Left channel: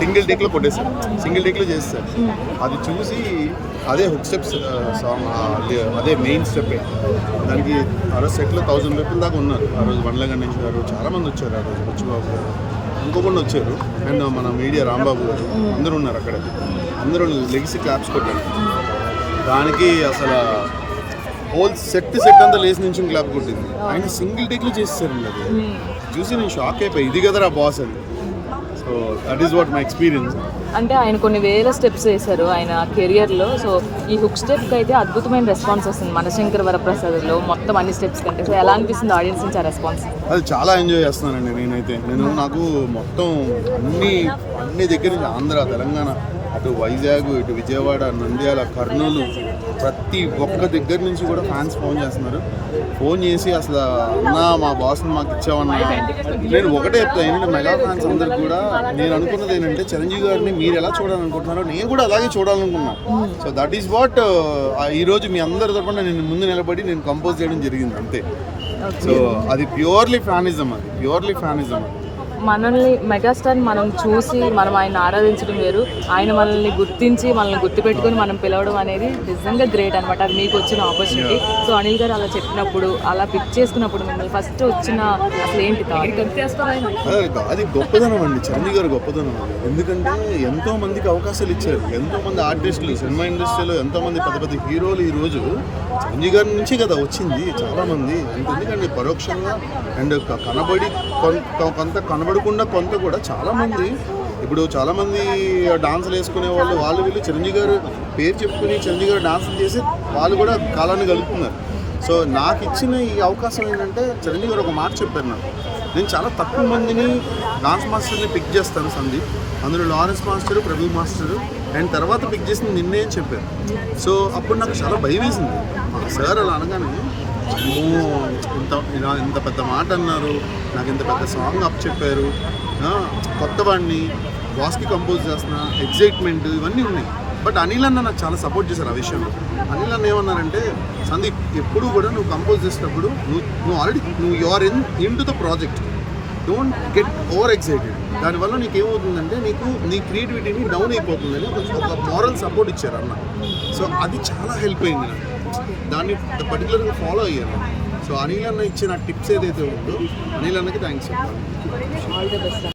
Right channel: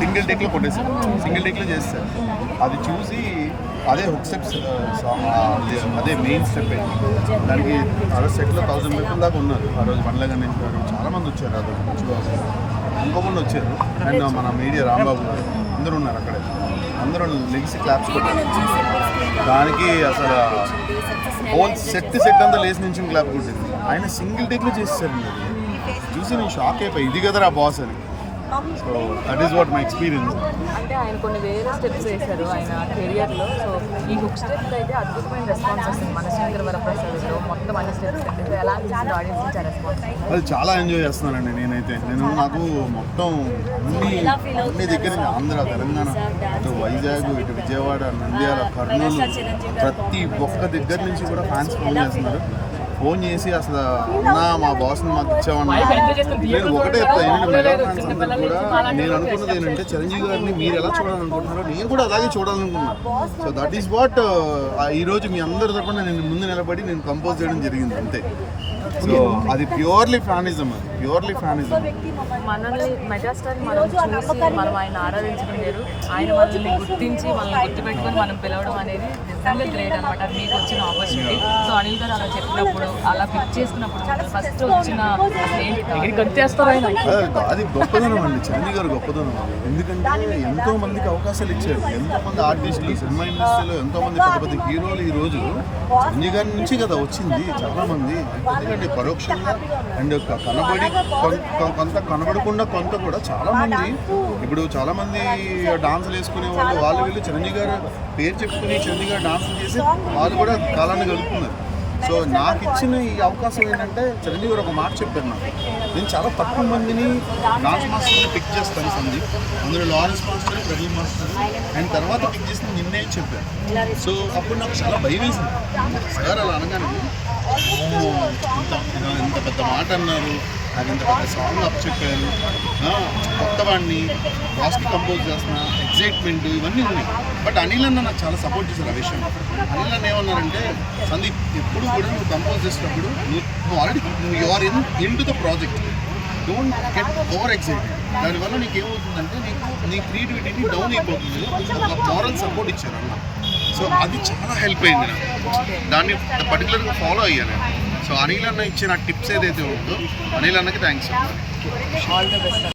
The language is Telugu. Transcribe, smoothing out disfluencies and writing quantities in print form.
సింగిల్ టేక్లో కొట్టేశారు, సింగిల్ టేక్లో చేస్తారు. అది చూసి అదే హుక్ స్టెప్స్ సాంగ్, అదే మెయిన్ స్టెప్. దానికి ఆ రోజు సెట్లో 1000 పీపుల్ దాకా ఉన్నారు. ఆ రోజు బండ్ల గణేష్ గారు చాలామంది వచ్చారు. ఆ రోజు బుచ్చిబాబు గారు ఇంకొకటి వచ్చారు, అండ్ మన మీడియా రాంబాబు గారు అందరూ ఉన్నారు అక్కడే. అందరూ లెగిసి క్లాప్స్ కొట్టారు. దానికి అసలు హోల్ సెట్ అంతా లేచి నుంచి క్లాప్ కొట్టింది. ఆయన సింగిల్ టేక్లో చేసేసారండి. అది చూసి నేను షాక్ అయిపోయి, ఇది కదరా బాస్ అని. So that is what my experience. అంటే ఆయన కొన్ని వేల స్టెప్స్ వేశారు ఆయన కెరియర్లో. సో ఈ హుక్ స్టెప్కి అయితే అద్భుతమైన రెస్పాన్స్ వస్తుంది మనశంకర్ వరప్రసాద్లో మొత్తం అన్ని స్టెప్స్ కంటే. సో ఎలా అనిపిస్తుంది ఆడియన్స్ నుంచి ఆ రెస్పాన్స్? అది చాలా ఎంజాయ్ చేస్తున్నానండి నేనైతే. నాకు మొత్తం అన్ని దగ్గర నుంచి ఆంధ్ర, తెలంగాణ, అటు వైజాగ్, ఇటు విజయవాడ, నంద్యాల, కర్నూలు, ప్రతి ఒక్క దగ్గర నుంచి కూడా ఫ్యాన్స్ ఫోన్ చేస్తున్నారు. ఫోన్ చేసి అసలు అన్న మా బాస్ని మాకు ఇచ్చామన్నా. నేను ఒకటే చెప్తాను ఏంటంటే, మెగా ఫ్యాన్స్ అందరికి కూడా నేను అనుకున్నది ఏంటంటే, చిరంజీవి గారిని మీరు ఎలా చూడాలనుకుంటున్నారో నేను కూడా అలాగే చూడాలనుకున్నా. సో దట్ ఈస్ వాట్ ఈరోజు మీ అందరి తరపున నేను ముందు నిలబడి నేను కంపోజ్ చేయడం జరిగింది అంతే. సో అది ప్యూర్లీ ఫ్యానిజం. మనల్ని మెగాస్టార్ మనం చూసి మనం ఆయన ఆరాధించడం వేరు, ఆయన మనల్ని గుర్తించి మనల్ని గుర్తుపెట్టుకొని మనం పిలవడం అనేది నిజంగా గ్రేట్ అనమాట. అది మీకు వచ్చిన ఆపర్చునిటీ. సో అనిల్ గారు అలా చెప్పినప్పుడు, అలా పిక్ చేసుకున్నప్పుడు మిమ్మల్ని ఫస్ట్ వచ్చిన అసలు ఏంటి గుర్తేస్తారో అది గొప్పదనం అండి, చిరంజీవి గారు గొప్పదనం అది. ఎందుకంటే ఎంతో మందికి అవకాశాలు ఇచ్చారు. ఎంతో మంది ఆర్టిస్టులు, సినిమా ఇండస్ట్రీలో ఎంతో మంది పెద్ద పెద్ద హీరోలు ఈ రోజు చిరంజీవి గారి నుంచి కదా వచ్చింది చాలా మంది. అంతెందుకండి పరోక్షంగా అండ్ కనబడి కొంత కనబడకుండా కొంత కూడా చాలామంది. ఇప్పుడు చాలామంది డాన్సులు వేసుకునే వాళ్ళు వీళ్ళు చిరంజీవి గారు పేరు చెప్పుకుని చిరంజీవి గారు డాన్సులు చేసి వాళ్ళు కూడా కాలాన్ని గడుపుతున్నారు. సో నాకు ఇచ్చిన ఈ అవకాశం ఏంటంటే, చిరంజీవి గారు ఒక మాట చెప్పారు నాకు, నేను చాలా తక్కువ మందిని డాన్స్ మాస్టర్ని పిక్ చేస్తాను సందీప్, అందులో Lawrence master, Prabhu master, and తర్వాత పిక్ చేసింది నిన్నే అని చెప్పారు. సో అప్పుడు నాకు చాలా భయం వేసింది. సార్ అలా అనగానే ఇంత పెద్ద మాట అన్నారు, నాకు ఇంత పెద్ద సాంగ్ అప్ చెప్పారు, కొత్తవాడిని బాస్కి కంపోజ్ చేస్తున్నా, ఎగ్జైట్మెంట్ ఇవన్నీ ఉన్నాయి. బట్ అనిల్ అన్న నాకు చాలా సపోర్ట్ చేశారు ఆ విషయంలో. అనిల్ అన్న ఏమన్నారంటే, సందీప్ ఎప్పుడు కూడా నువ్వు కంపోజ్ చేసేటప్పుడు నువ్వు already you are into the project, don't get over excited. దానివల్ల నీకు ఏమవుతుందంటే నీ క్రియేటివిటీని డౌన్ అయిపోతుందని ఒక మారల్ సపోర్ట్ ఇచ్చారు అన్న. సో అది చాలా హెల్ప్ అయింది నాకు, దాన్ని పర్టికులర్గా ఫాలో అయ్యాను నేను. సో అనిల్ అన్న ఇచ్చిన టిప్స్ ఏదైతే ఉందో అనిల్ అన్నకి థ్యాంక్స్ చెప్పాలి. All the best.